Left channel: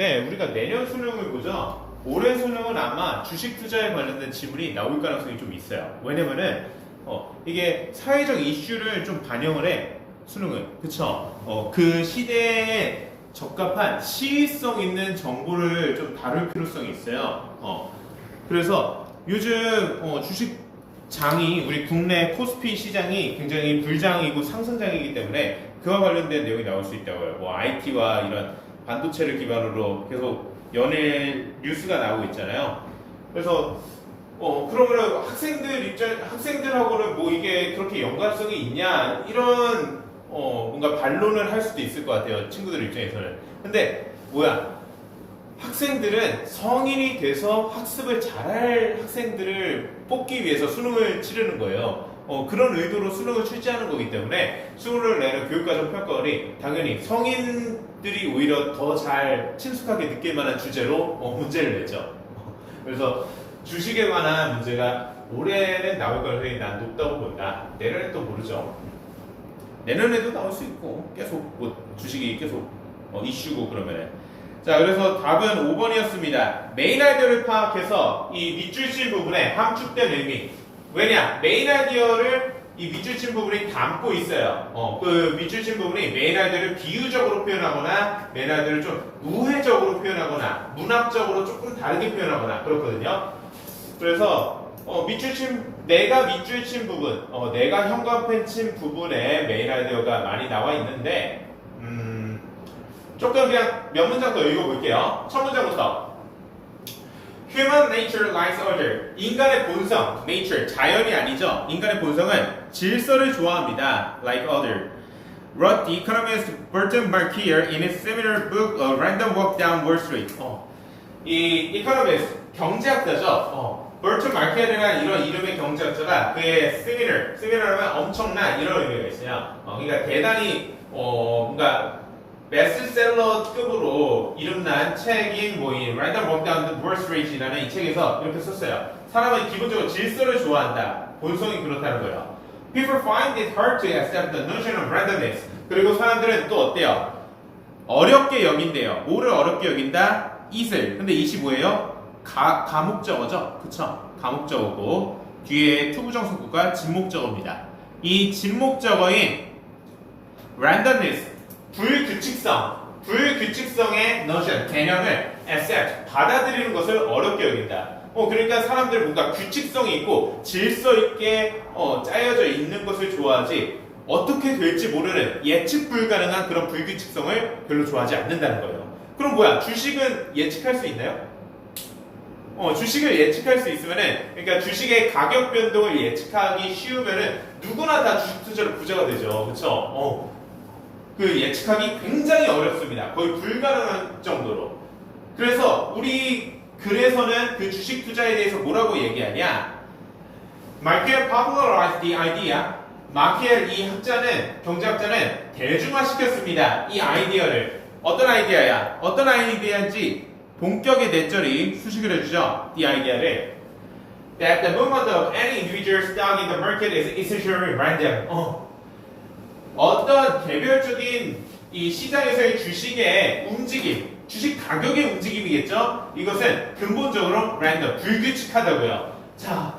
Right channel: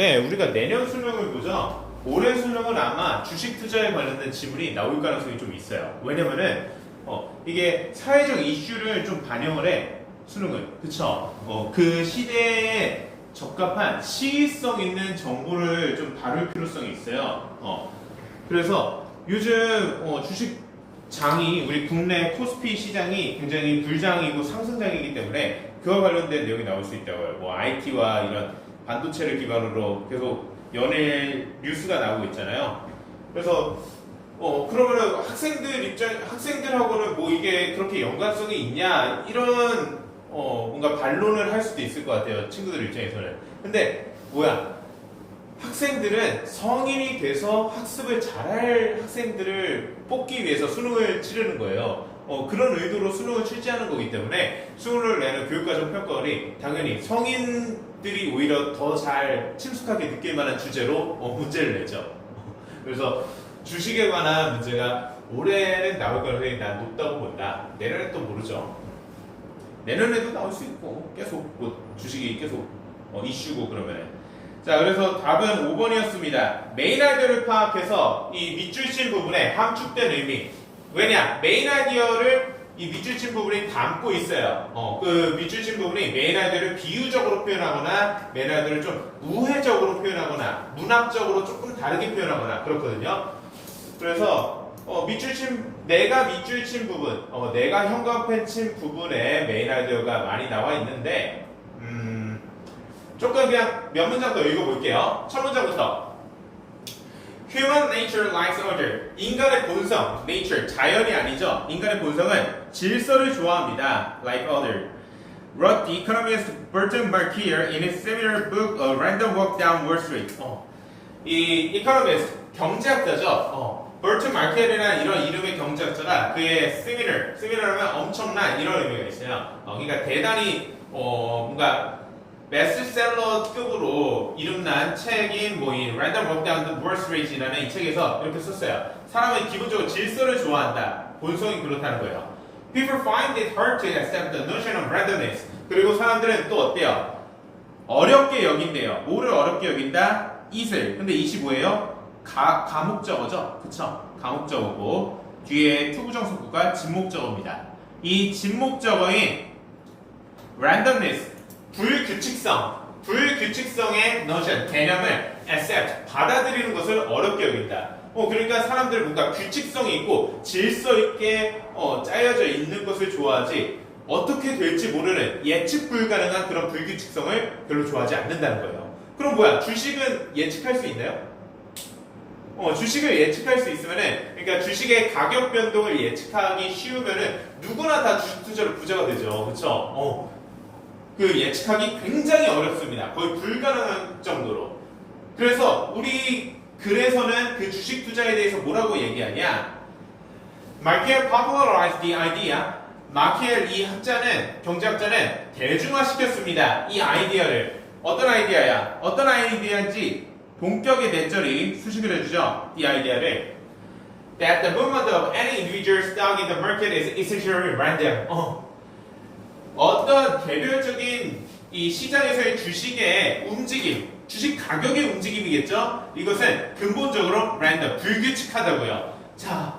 네, 우리가 내년 수능을 보죠. 올해 수능은 아마 주식 투자에 관련된 지문이 나올 가능성이 좀 있어요. 왜냐면은 이게 사회적 이슈를 좀 반영을 해 수능은 그쵸? 그 시대에 적합한 시의성 있는 정보를 좀 다룰 필요성이 있어요. 그래서 요즘 주식장이 우리 국내 코스피 시장이 굉장히 불장이고 상승장이기 때문에 그와 관련된 내용이 나올 수 있다고요. 뭐 IT와 이런 반도체를 기반으로 계속 연일 뉴스가 나오고 있잖아요. 그래서 그러면 학생들하고는 뭐 이게 그렇게 연관성이 있냐 이런 뭔가 반론을 할 수도 있을 것 같아요. 친구들 입장에서는. 근데 뭐야? 학생들은 성인이 돼서 학습을 잘할 학생들을 뽑기 위해서 수능을 치르는 거예요. 그런 의도로 수능을 출제하는 거기 때문에 수능을 내는 교육과정 평가원이 당연히 성인들이 오히려 더 잘 친숙하게 느낄 만한 주제로 문제를 내죠. 그래서 주식에 관한 문제가 올해는 나올 가능성이 난 높다고 본다. 내년에 또 모르죠. 내년에도 나올 수 있고 계속 뭐 주식이 계속 이슈고 그러면은. 자, 그래서 답은 5번이었습니다. 메인 아이디어를 파악해서 이 밑줄친 부분에 함축된 의미. 왜냐? 메인 아이디어를 이 밑줄친 부분이 담고 있어요. 그 밑줄친 부분이 메인 아이디어를 비유적으로 표현하거나 메인 아이디어를 좀 우회적으로 표현하거나 문학적으로 조금 다르게 표현하거나 그렇거든요. 그래서 내가 밑줄친 부분, 내가 현관펜 친 부분에 메인 아이디어가 많이 나와 있는데 조금 그냥 몇 문장 더 읽어볼게요. 첫 문장부터. Human nature likes order. 인간의 본성, nature, 자연이 아니죠. 인간의 본성은 질서를 좋아합니다. Like order. Wrote the economist Burton Markier in his seminal book A Random Walk Down Wall Street. 이 economist, 경제학자죠. 버튼 마키엘이라는 이런 이름의 경제학자가 그의 세미널하면 엄청난 이런 의미가 있어요. 그러니까 대단히 뭔가 베스트셀러급으로 이름난 책인 이 Random Walk Down the Wall Street이라는 이 책에서 이렇게 썼어요. 사람은 기본적으로 질서를 좋아한다. 본성이 그렇다는 거예요. People find it hard to accept the notion of randomness. 그리고 사람들은 또 어때요? 어렵게 여긴대요. 뭐를 어렵게 여긴다? it을. 근데 it이 뭐예요? 가목적어죠? 그쵸? 가목적어고 뒤에 투부정사구가 진목적어입니다. 이 진목적어인 randomness, 불규칙성의 notion, 개념을 accept, 받아들이는 것을 어렵게 여긴다. 그러니까 사람들은 뭔가 규칙성이 있고 질서 있게 짜여져 있는 것을 좋아하지 어떻게 될지 모르는 예측 불가능한 그런 불규칙성을 별로 좋아하지 않는다는 거예요. 그럼 뭐야? 주식은 예측할 수 있나요? 주식을 예측할 수 있으면은, 그러니까 주식의 가격 변동을 예측하기 쉬우면은 누구나 다 주식 투자로 부자가 되죠. 그쵸? 그 예측하기 굉장히 어렵습니다. 거의 불가능한 정도로. 그래서는 그 주식 투자에 대해서 뭐라고 얘기하냐? Markier popularized the idea. 마키엘 이 경제학자는 대중화시켰습니다. 이 아이디어를. 어떤 아이디어야? 어떤 아이디어인지 본격의 넷절이 수식을 해주죠. 이 아이디어를 that the movement of any individual stock in the market is essentially random. 어떤 개별적인 이 시장에서의 주식의 움직임, 주식 가격의 움직임이겠죠. 이것은 근본적으로 random, 불규칙하다고요. 자,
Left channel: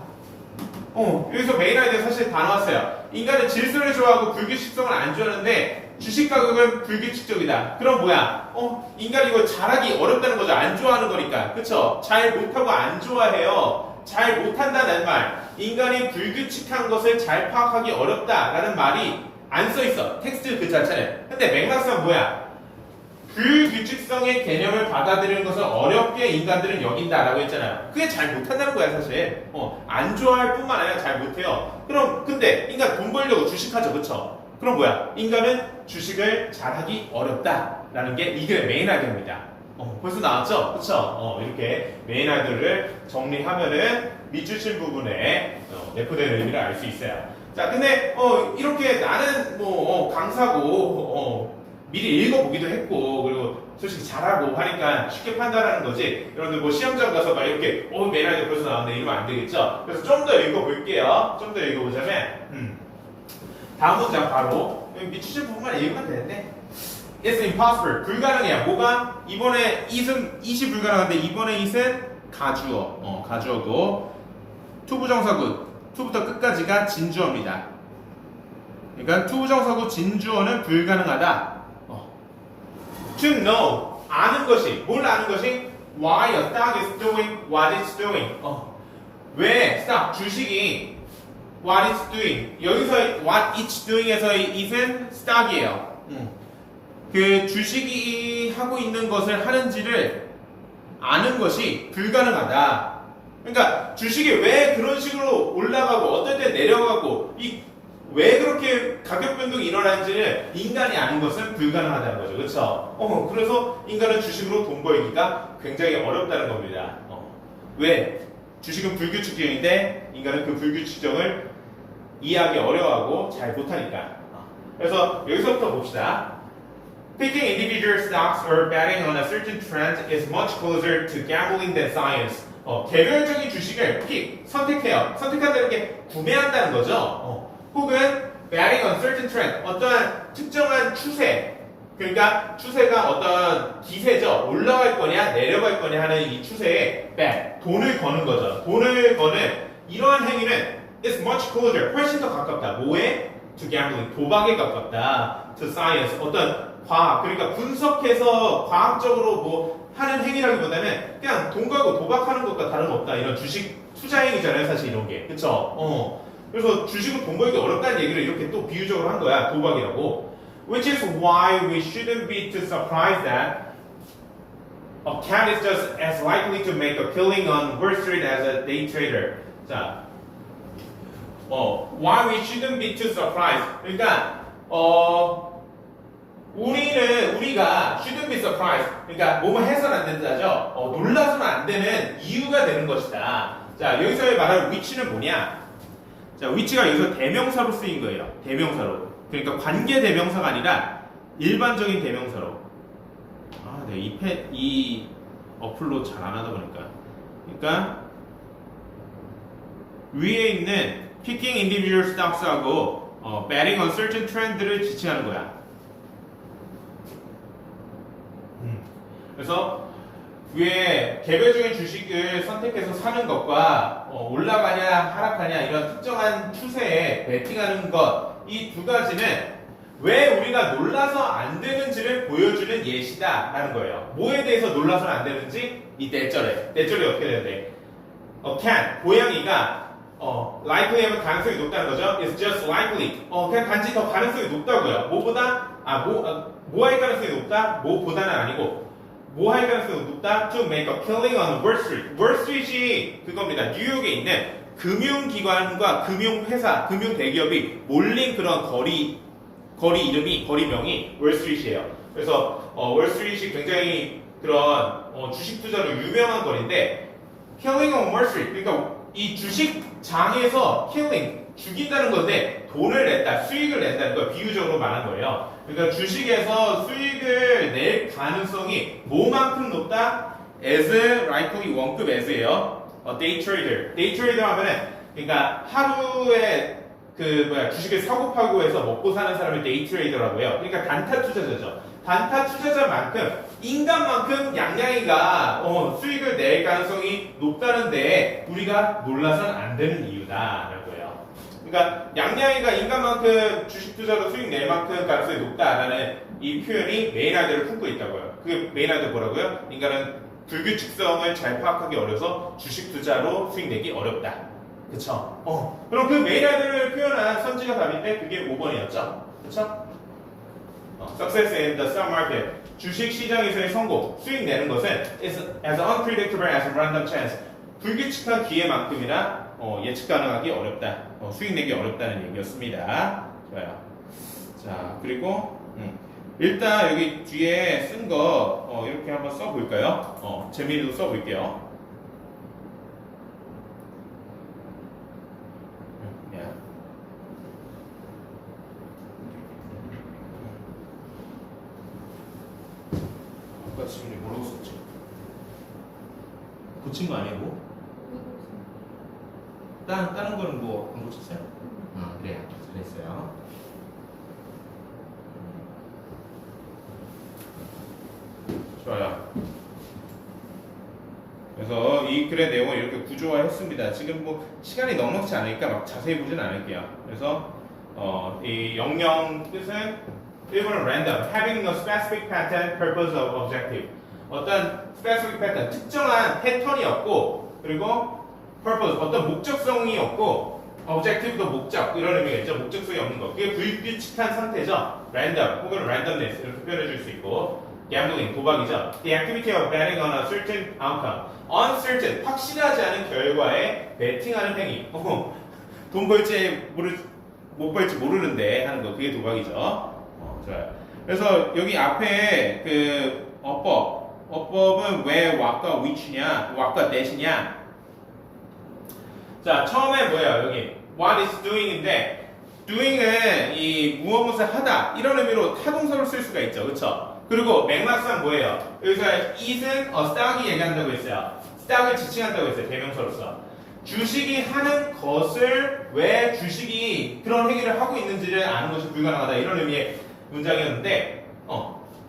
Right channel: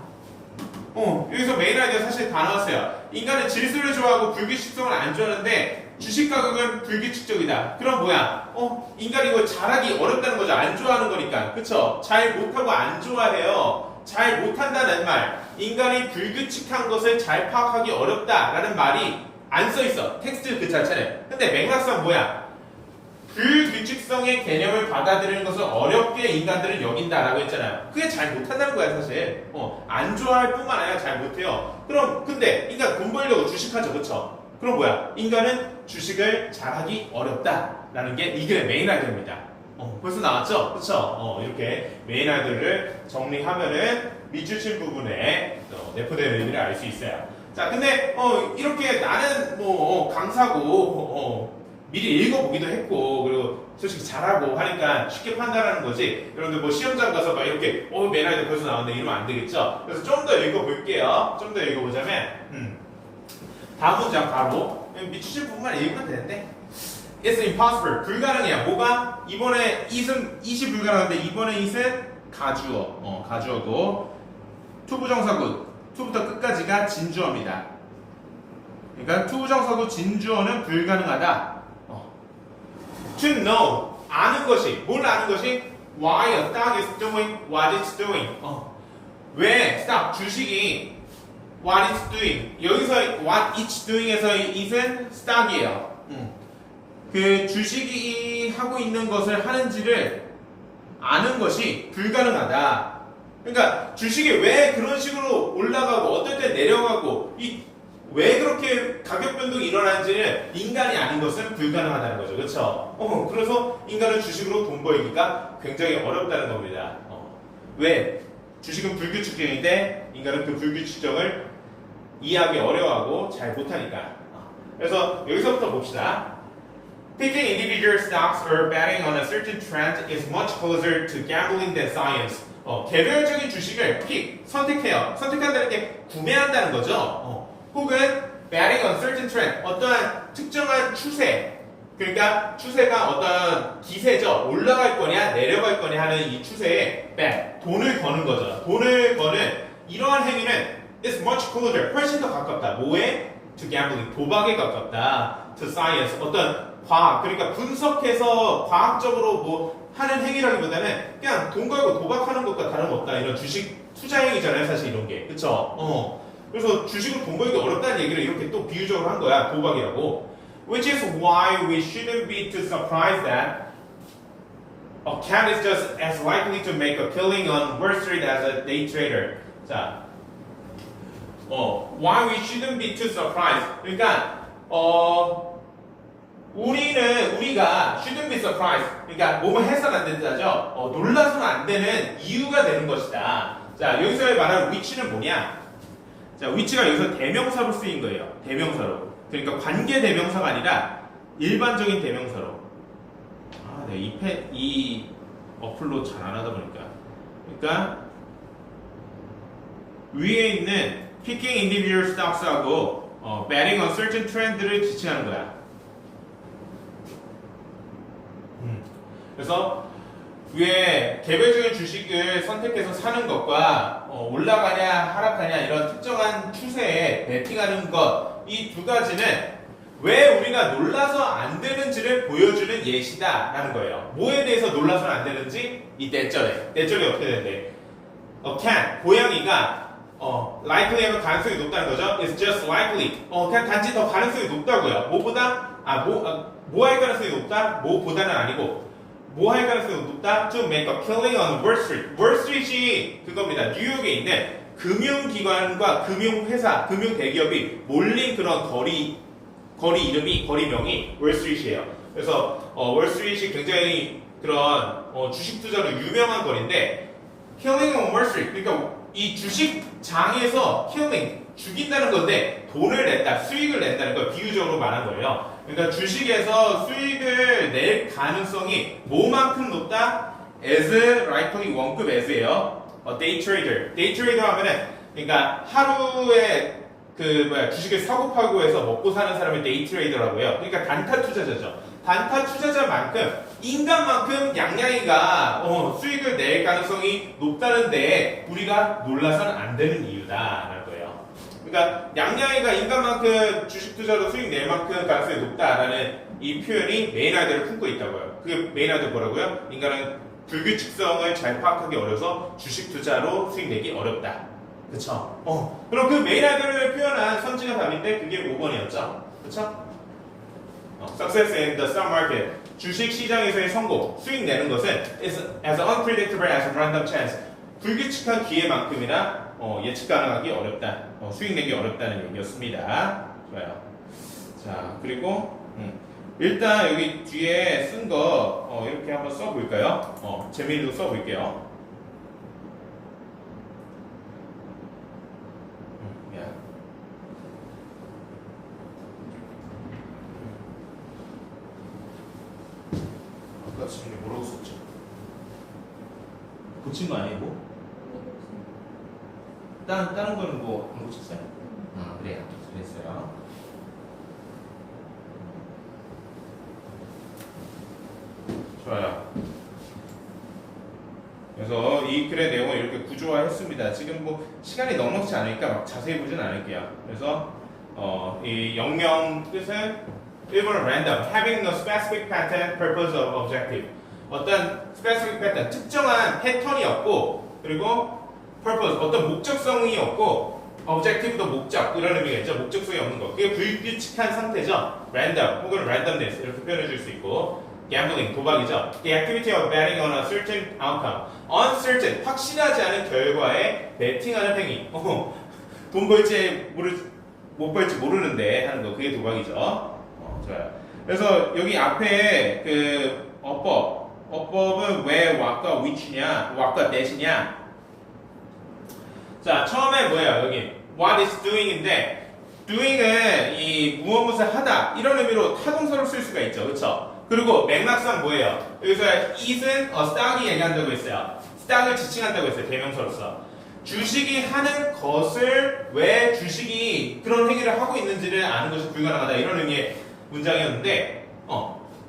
여기서 메인 아이디어 사실 다 나왔어요. 인간은 질서를 좋아하고 불규칙성을 안 좋아하는데 주식 가격은 불규칙적이다. 그럼 뭐야? 인간이 이거 잘하기 어렵다는 거죠. 안 좋아하는 거니까. 그쵸? 잘 못하고 안 좋아해요. 잘 못한다는 말. 인간이 불규칙한 것을 잘 파악하기 어렵다라는 말이 안 써있어. 텍스트 그 자체는. 근데 맥락상 뭐야? 불규칙성의 개념을 받아들이는 것을 어렵게 인간들은 여긴다라고 했잖아요. 그게 잘 못한다는 거야 사실. 안 좋아할 뿐만 아니라 잘 못해요. 그럼 근데 인간 돈 벌려고 주식하죠. 그쵸? 그럼 뭐야? 인간은 주식을 잘하기 어렵다라는 게 이게 메인 아이디어입니다. 벌써 나왔죠? 그쵸? 이렇게 메인 아이디어를 정리하면은 밑줄친 부분에 내포된 의미를 알 수 있어요. 자, 근데 이렇게 나는 강사고 미리 읽어보기도 했고 그리고 솔직히 잘하고 하니까 쉽게 판단하는 거지. 여러분들 뭐 시험장 가서 막 이렇게 메인 아이디어 벌써 나왔는데 이러면 안 되겠죠? 그래서 좀 더 읽어볼게요. 좀 더 읽어보자면 다음 문장 바로 밑줄친 부분만 읽으면 되는데 It's impossible. 불가능해요. 뭐가? 이번에 it이 불가능한데 이번에 it은 가주어. 가주어고 투부정사구 to부터 끝까지가 진주어입니다. 그러니까 투부정사구 진주어는 불가능하다. To know 아는 것이 뭘 아는 것이 why a stock is doing what it's doing. 왜 stock 주식이 what it's doing 여기서 what it's doing에서의 it은 stock이에요. 그 주식이 하고 있는 것을 하는지를 아는 것이 불가능하다. 그러니까 주식이 왜 그런 식으로 올라가고 어떨 때 내려가고 왜 그렇게 가격 변동이 일어나는지를 인간이 아는 것은 불가능하다는 거죠. 그렇죠? 그래서 인간은 주식으로 돈 벌기가 굉장히 어렵다는 겁니다. 왜? 주식은 불규칙적인데 인간은 그 불규칙성을 이해하기 어려워하고 잘 못하니까. 그래서 여기서부터 봅시다. Picking individual stocks or betting on a certain trend is much closer to gambling than science. 개별적인 주식을 선택해요. 선택한다는 게 구매한다는 거죠. 혹은 betting on certain trend, 어떠한 특정한 추세, 그러니까 추세가 어떤 기세죠. 올라갈 거냐 내려갈 거냐 하는 이 추세에 bet, 돈을 거는 거죠. 돈을 거는 이러한 행위는 is much closer, 훨씬 더 가깝다. 뭐에? To gambling, 도박에 가깝다. To science, 어떤 과학, 그러니까 분석해서 과학적으로 뭐 하는 행위라기보다는 그냥 돈 걸고 도박하는 것과 다름없다. 이런 주식 투자 행위잖아요, 사실 이런 게. 그쵸? 그래서 주식을 돈 벌기 어렵다는 얘기를 이렇게 또 비유적으로 한 거야, 도박이라고. Which is why we shouldn't be too surprised that a cat is just as likely to make a killing on Wall Street as a day trader. 자, why we shouldn't be too surprised. 그러니까 우리가 shouldn't be surprised. 그러니까 뭐뭐 해서는 안 된다죠. 놀라서는 안 되는 이유가 되는 것이다. 자, 여기서 말하는 which는 뭐냐? 자, which가 여기서 대명사로 쓰인 거예요. 대명사로. 그러니까 관계 대명사가 아니라 일반적인 대명사로. 내가 이 어플로 잘 안 하다 보니까. 그러니까 위에 있는 picking individual stocks하고 betting on certain trend를 지칭하는 거야. 그래서 위에 개별적인 주식을 선택해서 사는 것과 올라가냐 하락하냐 이런 특정한 추세에 베팅하는 것 이 두 가지는 왜 우리가 놀라서 안 되는지를 보여주는 예시다 라는 거예요. 뭐에 대해서 놀라서는 안 되는지 이 대절에 어떻게 되는데 can 고양이가 likely 하면 가능성이 높다는 거죠. It's just likely 그냥 단지 더 가능성이 높다고요. 뭐보다 뭐 할 가능성이 높다? 뭐보다는 아니고 뭐 할 가능성이 높다? To make a killing on Wall Street. Wall Street이 그겁니다. 뉴욕에 있는 금융기관과 금융회사, 금융대기업이 몰린 그런 거리명이 월스트리트예요. 그래서 월스트리트이 굉장히 그런 주식 투자로 유명한 거리인데 killing on Wall Street. 그러니까 이 주식장에서 killing, 죽인다는 건데 돈을 냈다, 수익을 낸다는 걸 비유적으로 말한 거예요. 그러니까 주식에서 수익을 낼 가능성이 뭐만큼 높다? as likely 원급 as예요. day trader. day trader 하면은 그러니까 하루에 주식을 사고 팔고 해서 먹고 사는 사람을 day trader라고요. 그러니까 단타 투자자죠. 단타 투자자만큼 인간만큼 양양이가 수익을 낼 가능성이 높다는데 우리가 놀라서는 안 되는 이유다라는 거예요. 그러니까 양양이가 인간만큼 주식 투자로 수익 낼 만큼 가능성이 높다라는 이 표현이 메인아이디어를 품고 있다고요. 그게 메인아이디어 뭐라고요? 인간은 불규칙성을 잘 파악하기 어려서 주식 투자로 수익 내기 어렵다. 그쵸? 그럼 그 메인아이디어를 표현한 선지가 답인데 그게 5번이었죠. 그쵸? Success in the stock market. 주식 시장에서의 성공, 수익 내는 것은 is as unpredictable as random chance. 불규칙한 기회만큼이나 예측 가능하기 어렵다. 수익 내기 어렵다는 얘기였습니다. 좋아요. 자, 그리고 일단 여기 뒤에 쓴 거 이렇게 한번 써볼까요? 재미있는 거 써볼게요. 아까 지금 뭐라고 썼죠? 고친 거 아니고? 다른 거는 뭐 안 고쳤어요? 그래요. 잘했어요. 이 글의 내용을 이렇게 구조화했습니다. 지금 뭐 시간이 넉넉지 않으니까 막 자세히 보진 않을게요. 그래서 이 영영 뜻은 일본어 random, having no specific pattern, purpose or objective. 어떤 specific pattern, 특정한 패턴이 없고, 그리고 purpose, 어떤 목적성이 없고, objective도 목적, 이런 의미가 있죠. 목적성이 없는 거. 그게 불규칙한 상태죠. random 혹은 randomness 이렇게 표현해 줄 수 있고, gambling, 도박이죠. The activity of betting on a certain outcome. uncertain, 확실하지 않은 결과에 베팅하는 행위. 돈 벌지 못 벌지 모르는데 하는 거, 그게 도박이죠. 좋아요. 그래서 여기 앞에 그 어법은 왜 what과 which냐, what과 that이냐. 자, 처음에 뭐예요? 여기 what is doing인데, doing은 이 무엇을 하다 이런 의미로 타동사로 쓸 수가 있죠, 그렇죠? 그리고 맥락상 뭐예요? 여기서 is은 stock이 얘기한다고 했어요. stock을 지칭한다고 했어요, 대명사로서. 주식이 하는 것을 왜 주식이 그런 행위를 하고 있는지를 아는 것이 불가능하다, 이런 의미의 문장이었는데,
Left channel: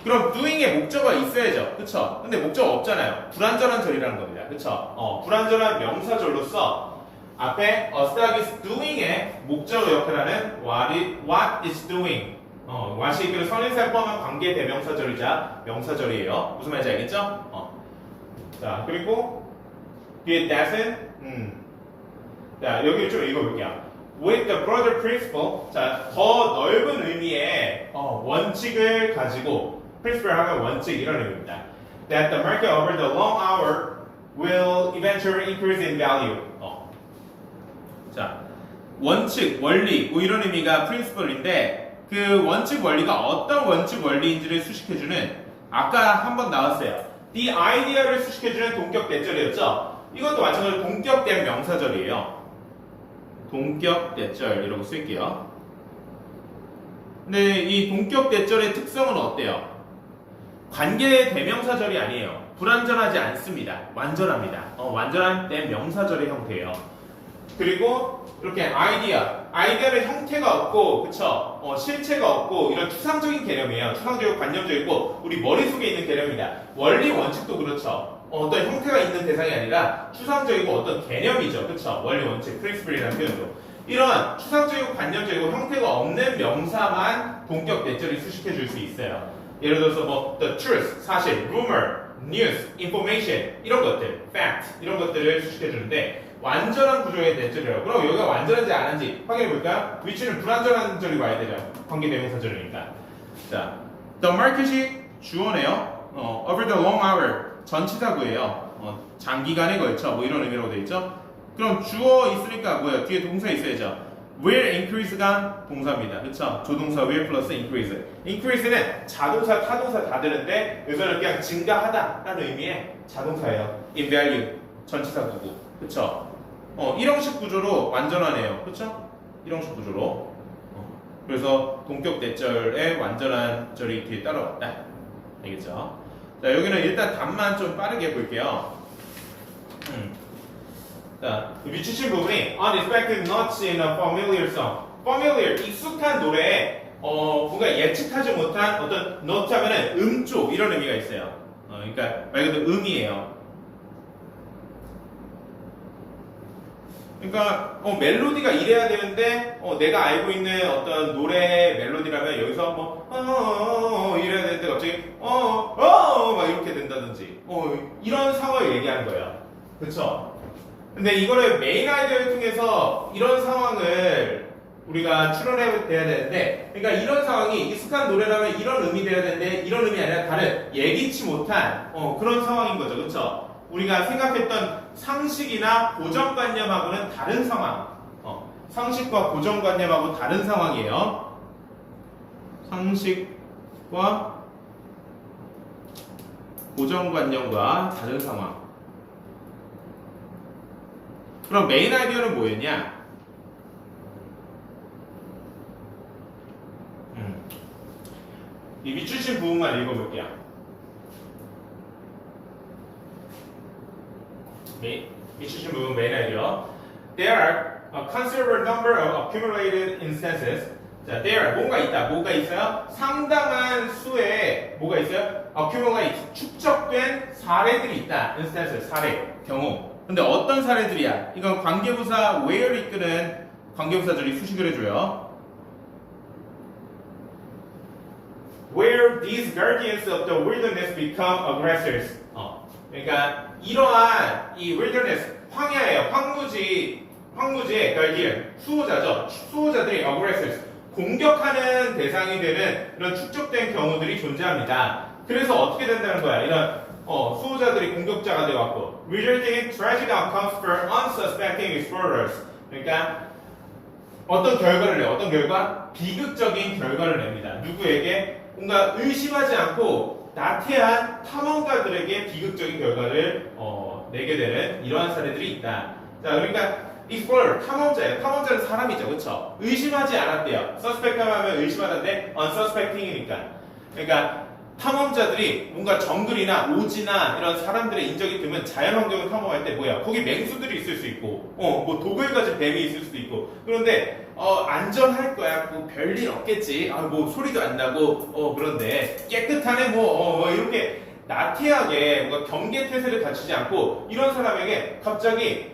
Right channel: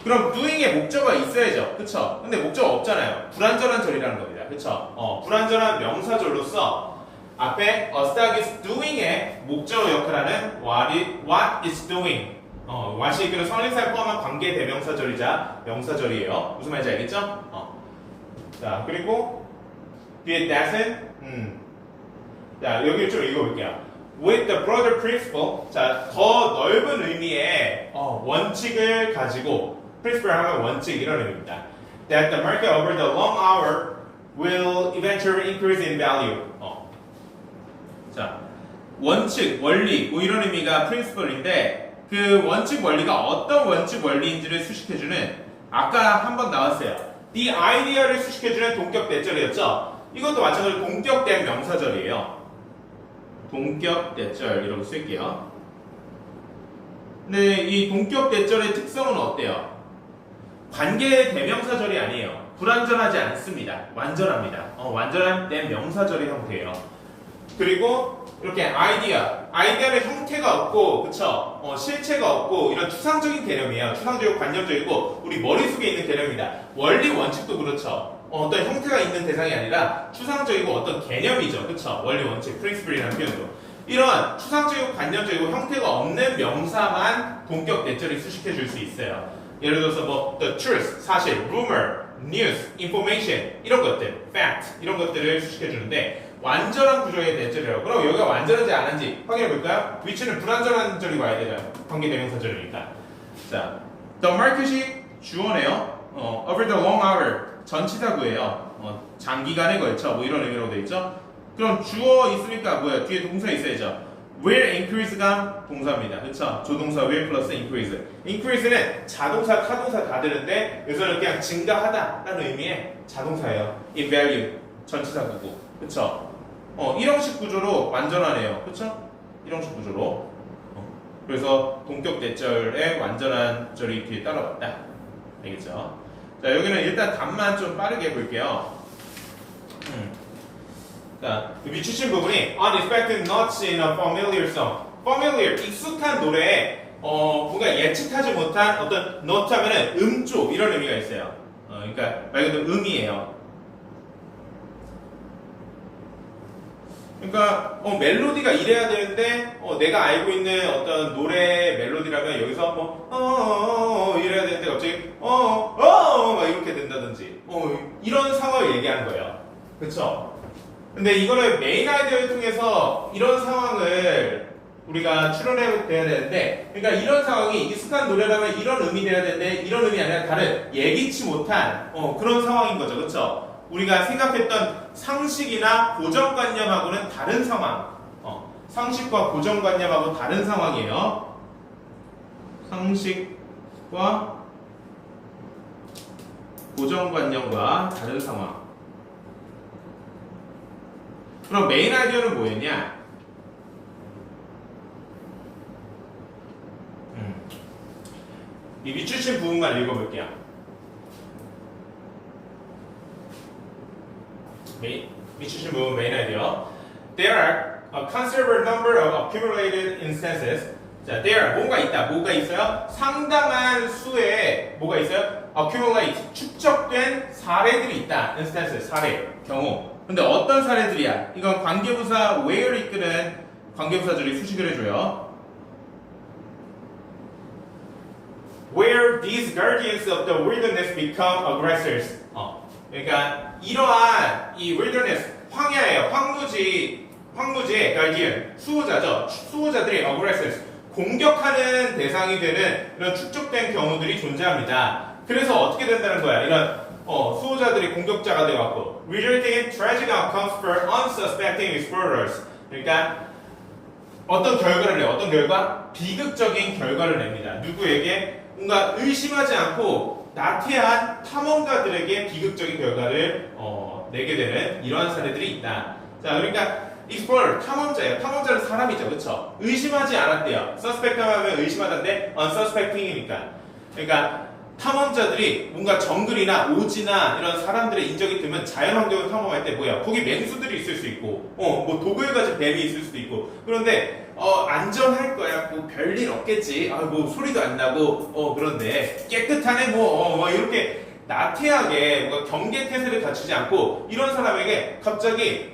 그럼 doing의 목적어가 있어야죠, 그쵸? 근데 목적어 없잖아요. 불완전한 절이라는 겁니다, 그쵸? 불완전한 명사절로서 앞에 a stock is doing의 목적어 역할하는 what is doing, what이 그 선인사를 포함한 관계 대명사절이자 명사절이에요. 무슨 말인지 알겠죠? 자, 그리고 뒤에 that은 자, 여기 좀 읽어볼게요. With the broader principle, 자, 더 넓은 의미의 원칙을 가지고, principle 하면 원칙 이런 의미입니다. That the market over the long hour will eventually increase in value. 자, 원칙, 원리, 뭐 이런 의미가 principle인데, 그 원칙 원리가 어떤 원칙 원리인지를 수식해주는, 아까 한번 나왔어요. The idea를 수식해주는 동격 대절이었죠. 이것도 마찬가지로 동격된 명사절이에요. 동격 대절이라고 쓸게요. 근데 이 동격 대절의 특성은 어때요? 관계의 대명사절이 아니에요. 불완전하지 않습니다. 완전합니다. 완전한 대명사절의 형태예요. 그리고 이렇게 아이디어는 형태가 없고, 그쵸? 실체가 없고, 이런 추상적인 개념이에요. 추상적이고 관념적이고, 우리 머릿속에 있는 개념이다. 원리 원칙도 그렇죠. 어떤 형태가 있는 대상이 아니라 추상적이고 어떤 개념이죠, 그쵸? 원리 원칙, principle이라는 표현도. 이런 추상적이고 관념적이고 형태가 없는 명사만 동격 대절이 수식해 줄 수 있어요. 예를 들어서 뭐 the truth, 사실, rumor, news, information 이런 것들, fact 이런 것들을 수식해 주는데, 완전한 구조의 대절이라고. 그럼 여기가 완전한지 안 한지 확인해 볼까요? 위치는 불완전한 절이 와야 되죠. 관계대명사절이니까. 자, the market이 주어네요. over the long hour 전치사구예요. 장기간에 걸쳐 뭐 이런 의미로 돼 있죠. 그럼 주어 있으니까 뭐야? 뒤에 동사 있어야죠. will increase가 동사입니다. 그쵸? 조동사 will 플러스 increase. increase는 자동사, 타동사 다 되는데 여기서는 그냥 증가하다 라는 의미의 자동사예요. in value 전치사구고. 그쵸? 이형식 구조로 완전하네요. 그쵸? 이형식 구조로. 그래서 동격 대절의 완전한 절이 뒤에 따라왔다. 알겠죠? 자, 여기는 일단 답만 좀 빠르게 해볼게요. 자, 밑주신 부분이 unexpected notes in a familiar song. familiar, 익숙한 노래에 뭔가 예측하지 못한 어떤 note 하면은 음쪽 이런 의미가 있어요. 그러니까 말 그대로 음이에요. 그러니까 멜로디가 이래야 되는데 내가 알고 있는 어떤 노래 멜로디라면 여기서 뭐 이래야 되는데 갑자기 막 이렇게 된다든지 이런 상황을 얘기하는 거예요. 그쵸? 근데 이거를 메인 아이디어를 통해서 이런 상황을 우리가 추론해야 되는데, 그러니까 이런 상황이 익숙한 노래라면 이런 의미 돼야 되는데 이런 의미 아니라 다른 예기치 못한 그런 상황인 거죠. 그쵸? 우리가 생각했던 상식이나 고정관념하고는 다른 상황. 상식과 고정관념하고는 다른 상황이에요. 상식과 고정관념과 다른 상황. 그럼 메인 아이디어는 뭐였냐? 이 밑줄친 부분만 읽어볼게요. 밑줄친 부분 메인 아이디어. There are a considerable number of accumulated instances. 자, there 뭔가 있다. 뭐가 있어요? 상당한 수의 뭐가 있어요? accumulate 축적된 사례들이 있다. instances 사례 경우. 근데 어떤 사례들이야? 이건 관계부사 where를 이끄는 관계부사들이 수식을 해줘요. Where these guardians of the wilderness become aggressors. 그러니까 이러한 이 wilderness 황야예요. 황무지의 guardian 수호자죠. 수호자들이 aggressors 공격하는 대상이 되는 이런 축적된 경우들이 존재합니다. 그래서 어떻게 된다는 거야? 이런 수호자들이 공격자가 되어갖고 resulting in tragic outcomes for unsuspecting explorers. 그러니까 어떤 결과를 내요. 어떤 결과? 비극적인 결과를 냅니다. 누구에게? 뭔가 의심하지 않고 나태한 탐험가들에게 비극적인 결과를 내게 되는 이러한 사례들이 있다. 자, 그러니까 explorer 탐험자예요. 탐험자는 사람이죠, 그렇죠? 의심하지 않았대요. suspect 하면 의심하는데 unsuspecting이니까. 그러니까 탐험자들이 뭔가 정글이나 오지나 이런 사람들의 인적이 드면 자연환경을 탐험할 때 뭐야? 거기 맹수들이 있을 수 있고, 뭐 독을 가진 뱀이 있을 수도 있고. 그런데 안전할 거야. 뭐 별일 없겠지. 뭐 소리도 안 나고, 그런데 깨끗하네. 뭐 이렇게 나태하게 뭔가 경계태세를 갖추지 않고 이런 사람에게 갑자기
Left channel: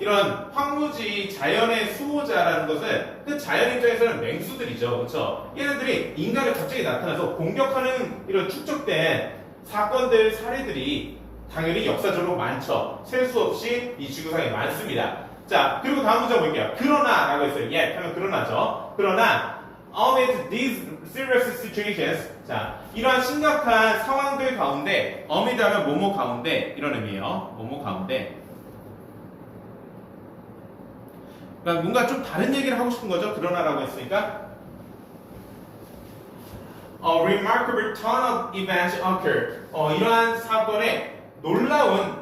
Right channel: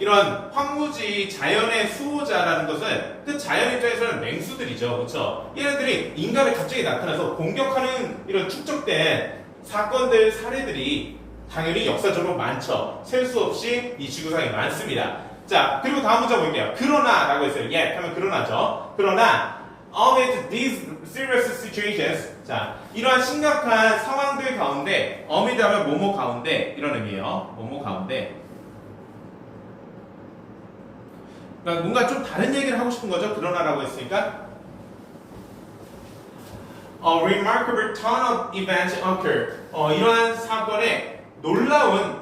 이런 황무지 자연의 수호자라는 것은 그 자연 입장에서는 맹수들이죠. 그렇죠? 얘네들이 인간을 갑자기 나타나서 공격하는 이런 축적된 사건들, 사례들이 당연히 역사적으로 많죠. 셀 수 없이 이 지구상에 많습니다. 자, 그리고 다음 문제 볼게요. 그러나 라고 했어요. yet 하면 그러나죠. 그러나 amid these serious situations, 자, 이러한 심각한 상황들 가운데 amid 하면 뭐뭐 가운데 이런 의미예요. 뭐뭐 가운데. 그러니까 뭔가 좀 다른 얘기를 하고 싶은 거죠. 그러나라고 했으니까. A remarkable turn of events occurred. 이러한 사건에 놀라운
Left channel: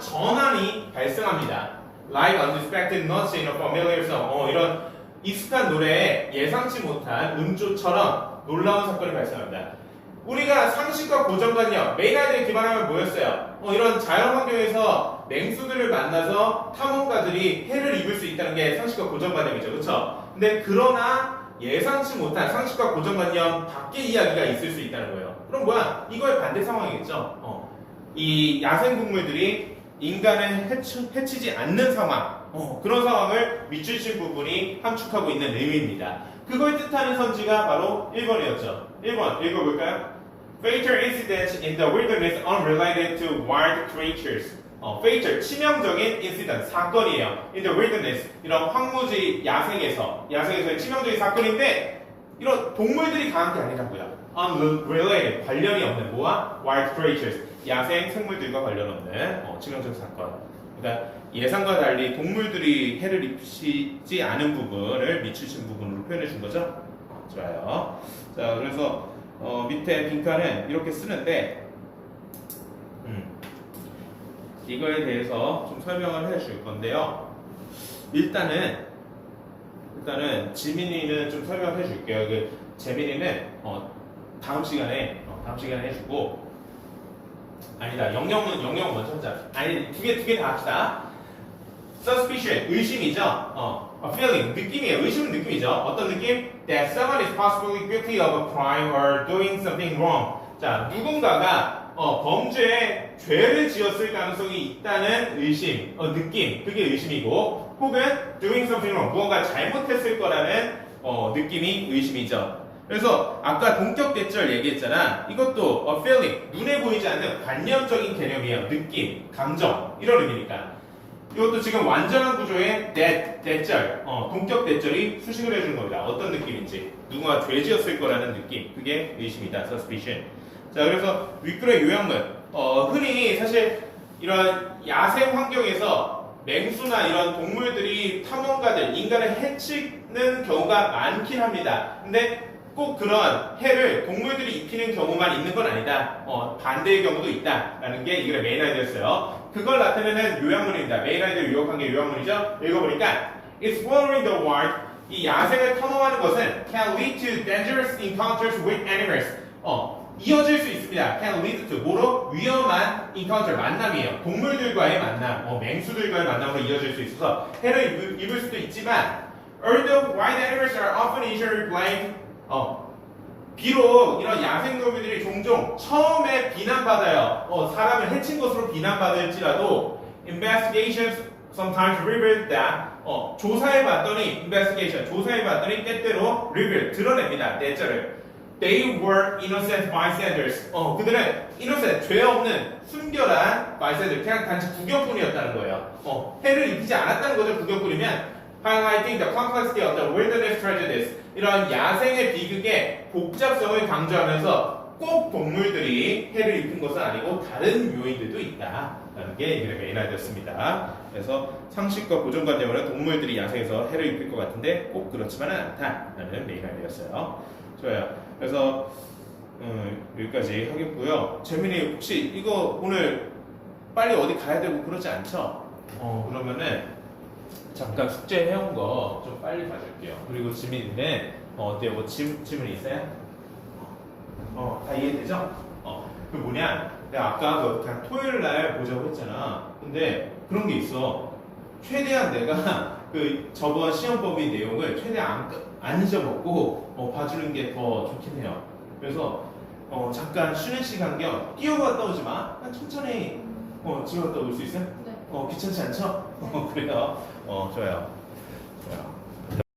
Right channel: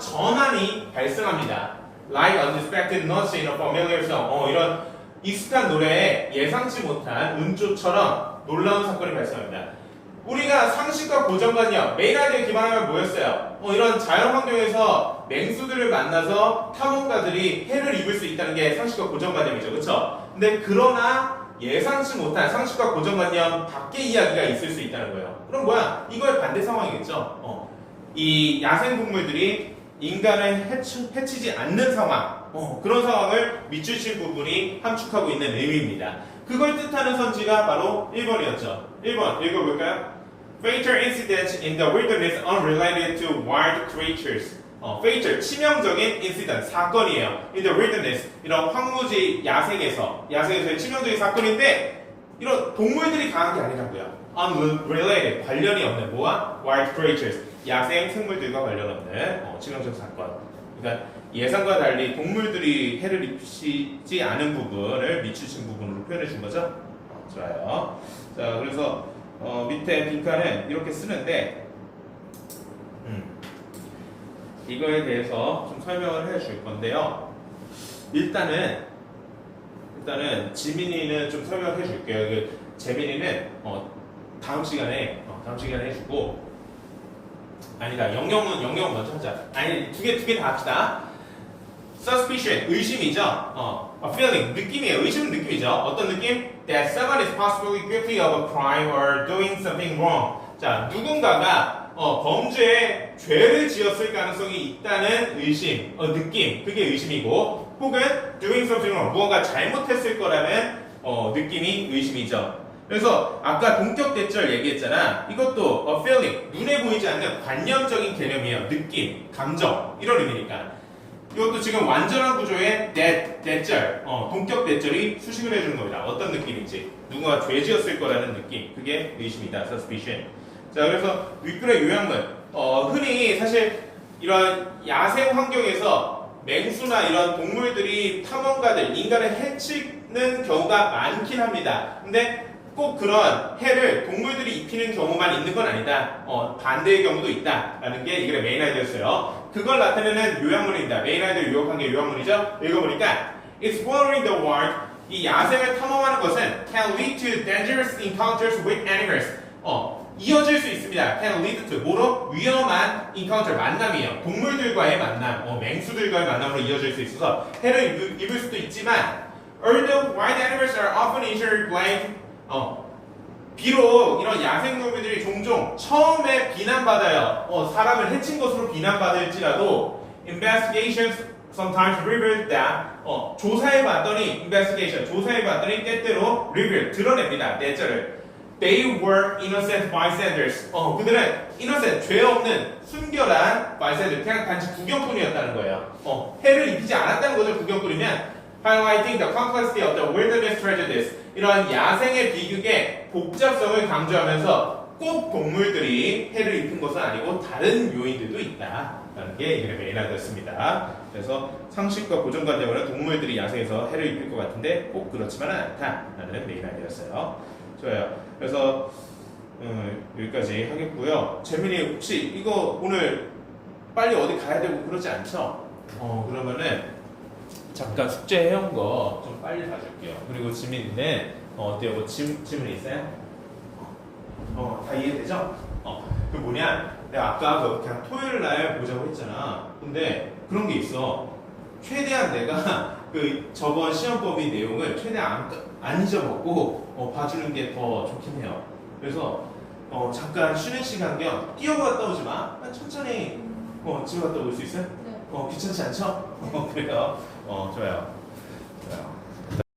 전환이 발생합니다. Like unexpected notes in a familiar song. 이런 익숙한 노래에 예상치 못한 음조처럼 놀라운 사건이 발생합니다. 우리가 상식과 고정관념, 메인아이들에 기반하면 뭐였어요? 이런 자연 환경에서 맹수들을 만나서 탐험가들이 해를 입을 수 있다는 게 상식과 고정관념이죠. 그렇죠? 근데 그러나 예상치 못한 상식과 고정관념 밖의 이야기가 있을 수 있다는 거예요. 그럼 뭐야? 이거의 반대 상황이겠죠. 이 야생동물들이 인간을 해치지 않는 상황, 그런 상황을 밑줄친 부분이 함축하고 있는 의미입니다. 그걸 뜻하는 선지가 바로 1번이었죠. 1번 읽어볼까요? Fatal incidents in the wilderness unrelated to wild creatures. fatal 치명적인 incident 사건이에요. In the wilderness 이런 황무지 야생에서의 치명적인 사건인데 이런 동물들이 강한 게 아니라고요. unrelated 관련이 없는 뭐와 wild creatures 야생 생물들과 관련 없는 치명적 사건. 그러니까 예상과 달리 동물들이 해를 입히지 않은 부분을 밑추신 부분으로 표현해 준 거죠. 좋아요. 자, 그래서 밑에 빈칸은 이렇게 쓰는데 이거에 대해서 좀 설명을 해줄 건데요. 일단은 지민이는 좀 설명을 해줄게요. 그 재민이는 다음 시간에 해주고. 아니다. 영영은 먼저 하자. 아니, 두 개 다 합시다. Suspicion, 의심이죠. Feeling, 느낌이에요. 의심은 느낌이죠. 어떤 느낌? That someone is possibly guilty of a crime or doing something wrong. 자, 누군가가 범죄에 죄를 지었을 가능성이 있다는 의심, 느낌. 그게 의심이고, 혹은 doing something wrong, 무언가 잘못했을 거라는 느낌이 의심이죠. 그래서 아까 동격 대절 얘기했잖아. 이것도 a feeling, 눈에 보이지 않는 관념적인 개념이에요. 느낌, 감정 이런 의미니까. 이것도 지금 완전한 구조의 대절, 동격 대절이 수식을 해주는 겁니다. 어떤 느낌인지, 누군가 죄지었을 거라는 느낌, 그게 의심이다. suspicion. 자, 그래서 윗글의 요약문. 흔히 사실 이런 야생 환경에서 맹수나 이런 동물들이 탐험가들, 인간을 해치는 경우가 많긴 합니다. 근데 꼭 그런 해를 동물들이 입히는 경우만 있는 건 아니다. 반대의 경우도 있다라는 게 이게 메인 아이디어였어요. 그걸 나타내는 요약문입니다. 메인 아이디어 요약한 게 요약문이죠. 읽어보니까 exploring the wild, 이 야생을 탐험하는 것은 can lead to dangerous encounters with animals. 이어질 수 있습니다. can lead to 뭐로? 위험한 encounter, 만남이에요. 동물들과의 만남, 맹수들과의 만남으로 이어질 수 있어서 해를 입을 수도 있지만 although wild animals are often initially blamed, 비록 이런 야생동물들이 종종 처음에 비난받아요. 사람을 해친 것으로 비난받을지라도 investigations sometimes reveal that 조사해봤더니 investigation 조사해봤더니 때때로 reveal 드러냅니다. 내절을 they were innocent bystanders. 그들은 innocent 죄 없는 순결한 bystanders 그냥 단지 구경꾼이었다는 거예요. 해를 입히지 않았다는 거죠. 구경꾼이면 highlighting the complexity of the wilderness tragedies 이런 야생의 비극의 복잡성을 강조하면서 꼭 동물들이 해를 입힌 것은 아니고 다른 요인들도 있다라는 게 이 그림의 메인아이디어였습니다. 그래서 상식과 고정관념으로 동물들이 야생에서 해를 입힐 것 같은데 꼭 그렇지만은 않다라는 메인아이디어였어요. 좋아요. 그래서 여기까지 하겠고요. 재민이 혹시 이거 오늘 빨리 어디 가야 되고 그러지 않죠? 그러면은 잠깐 숙제 해온 거 좀 빨리 봐줄게요. 그리고 지민이는 어때요? 뭐 질문 있어요? 다 이해되죠? 그 뭐냐? 내가 아까 그냥 토요일 날 보자고 했잖아. 근데 그런 게 있어. 최대한 내가 그 저번 시험법의 내용을 최대한 안 잊어먹고 봐주는 게 더 좋긴 해요. 그래서 잠깐 쉬는 시간 겸 뛰어갔다 오지 마. 천천히 집에 갔다 올 수 있어요? 네. 귀찮지 않죠? 그래요. 좋아요. 좋아요.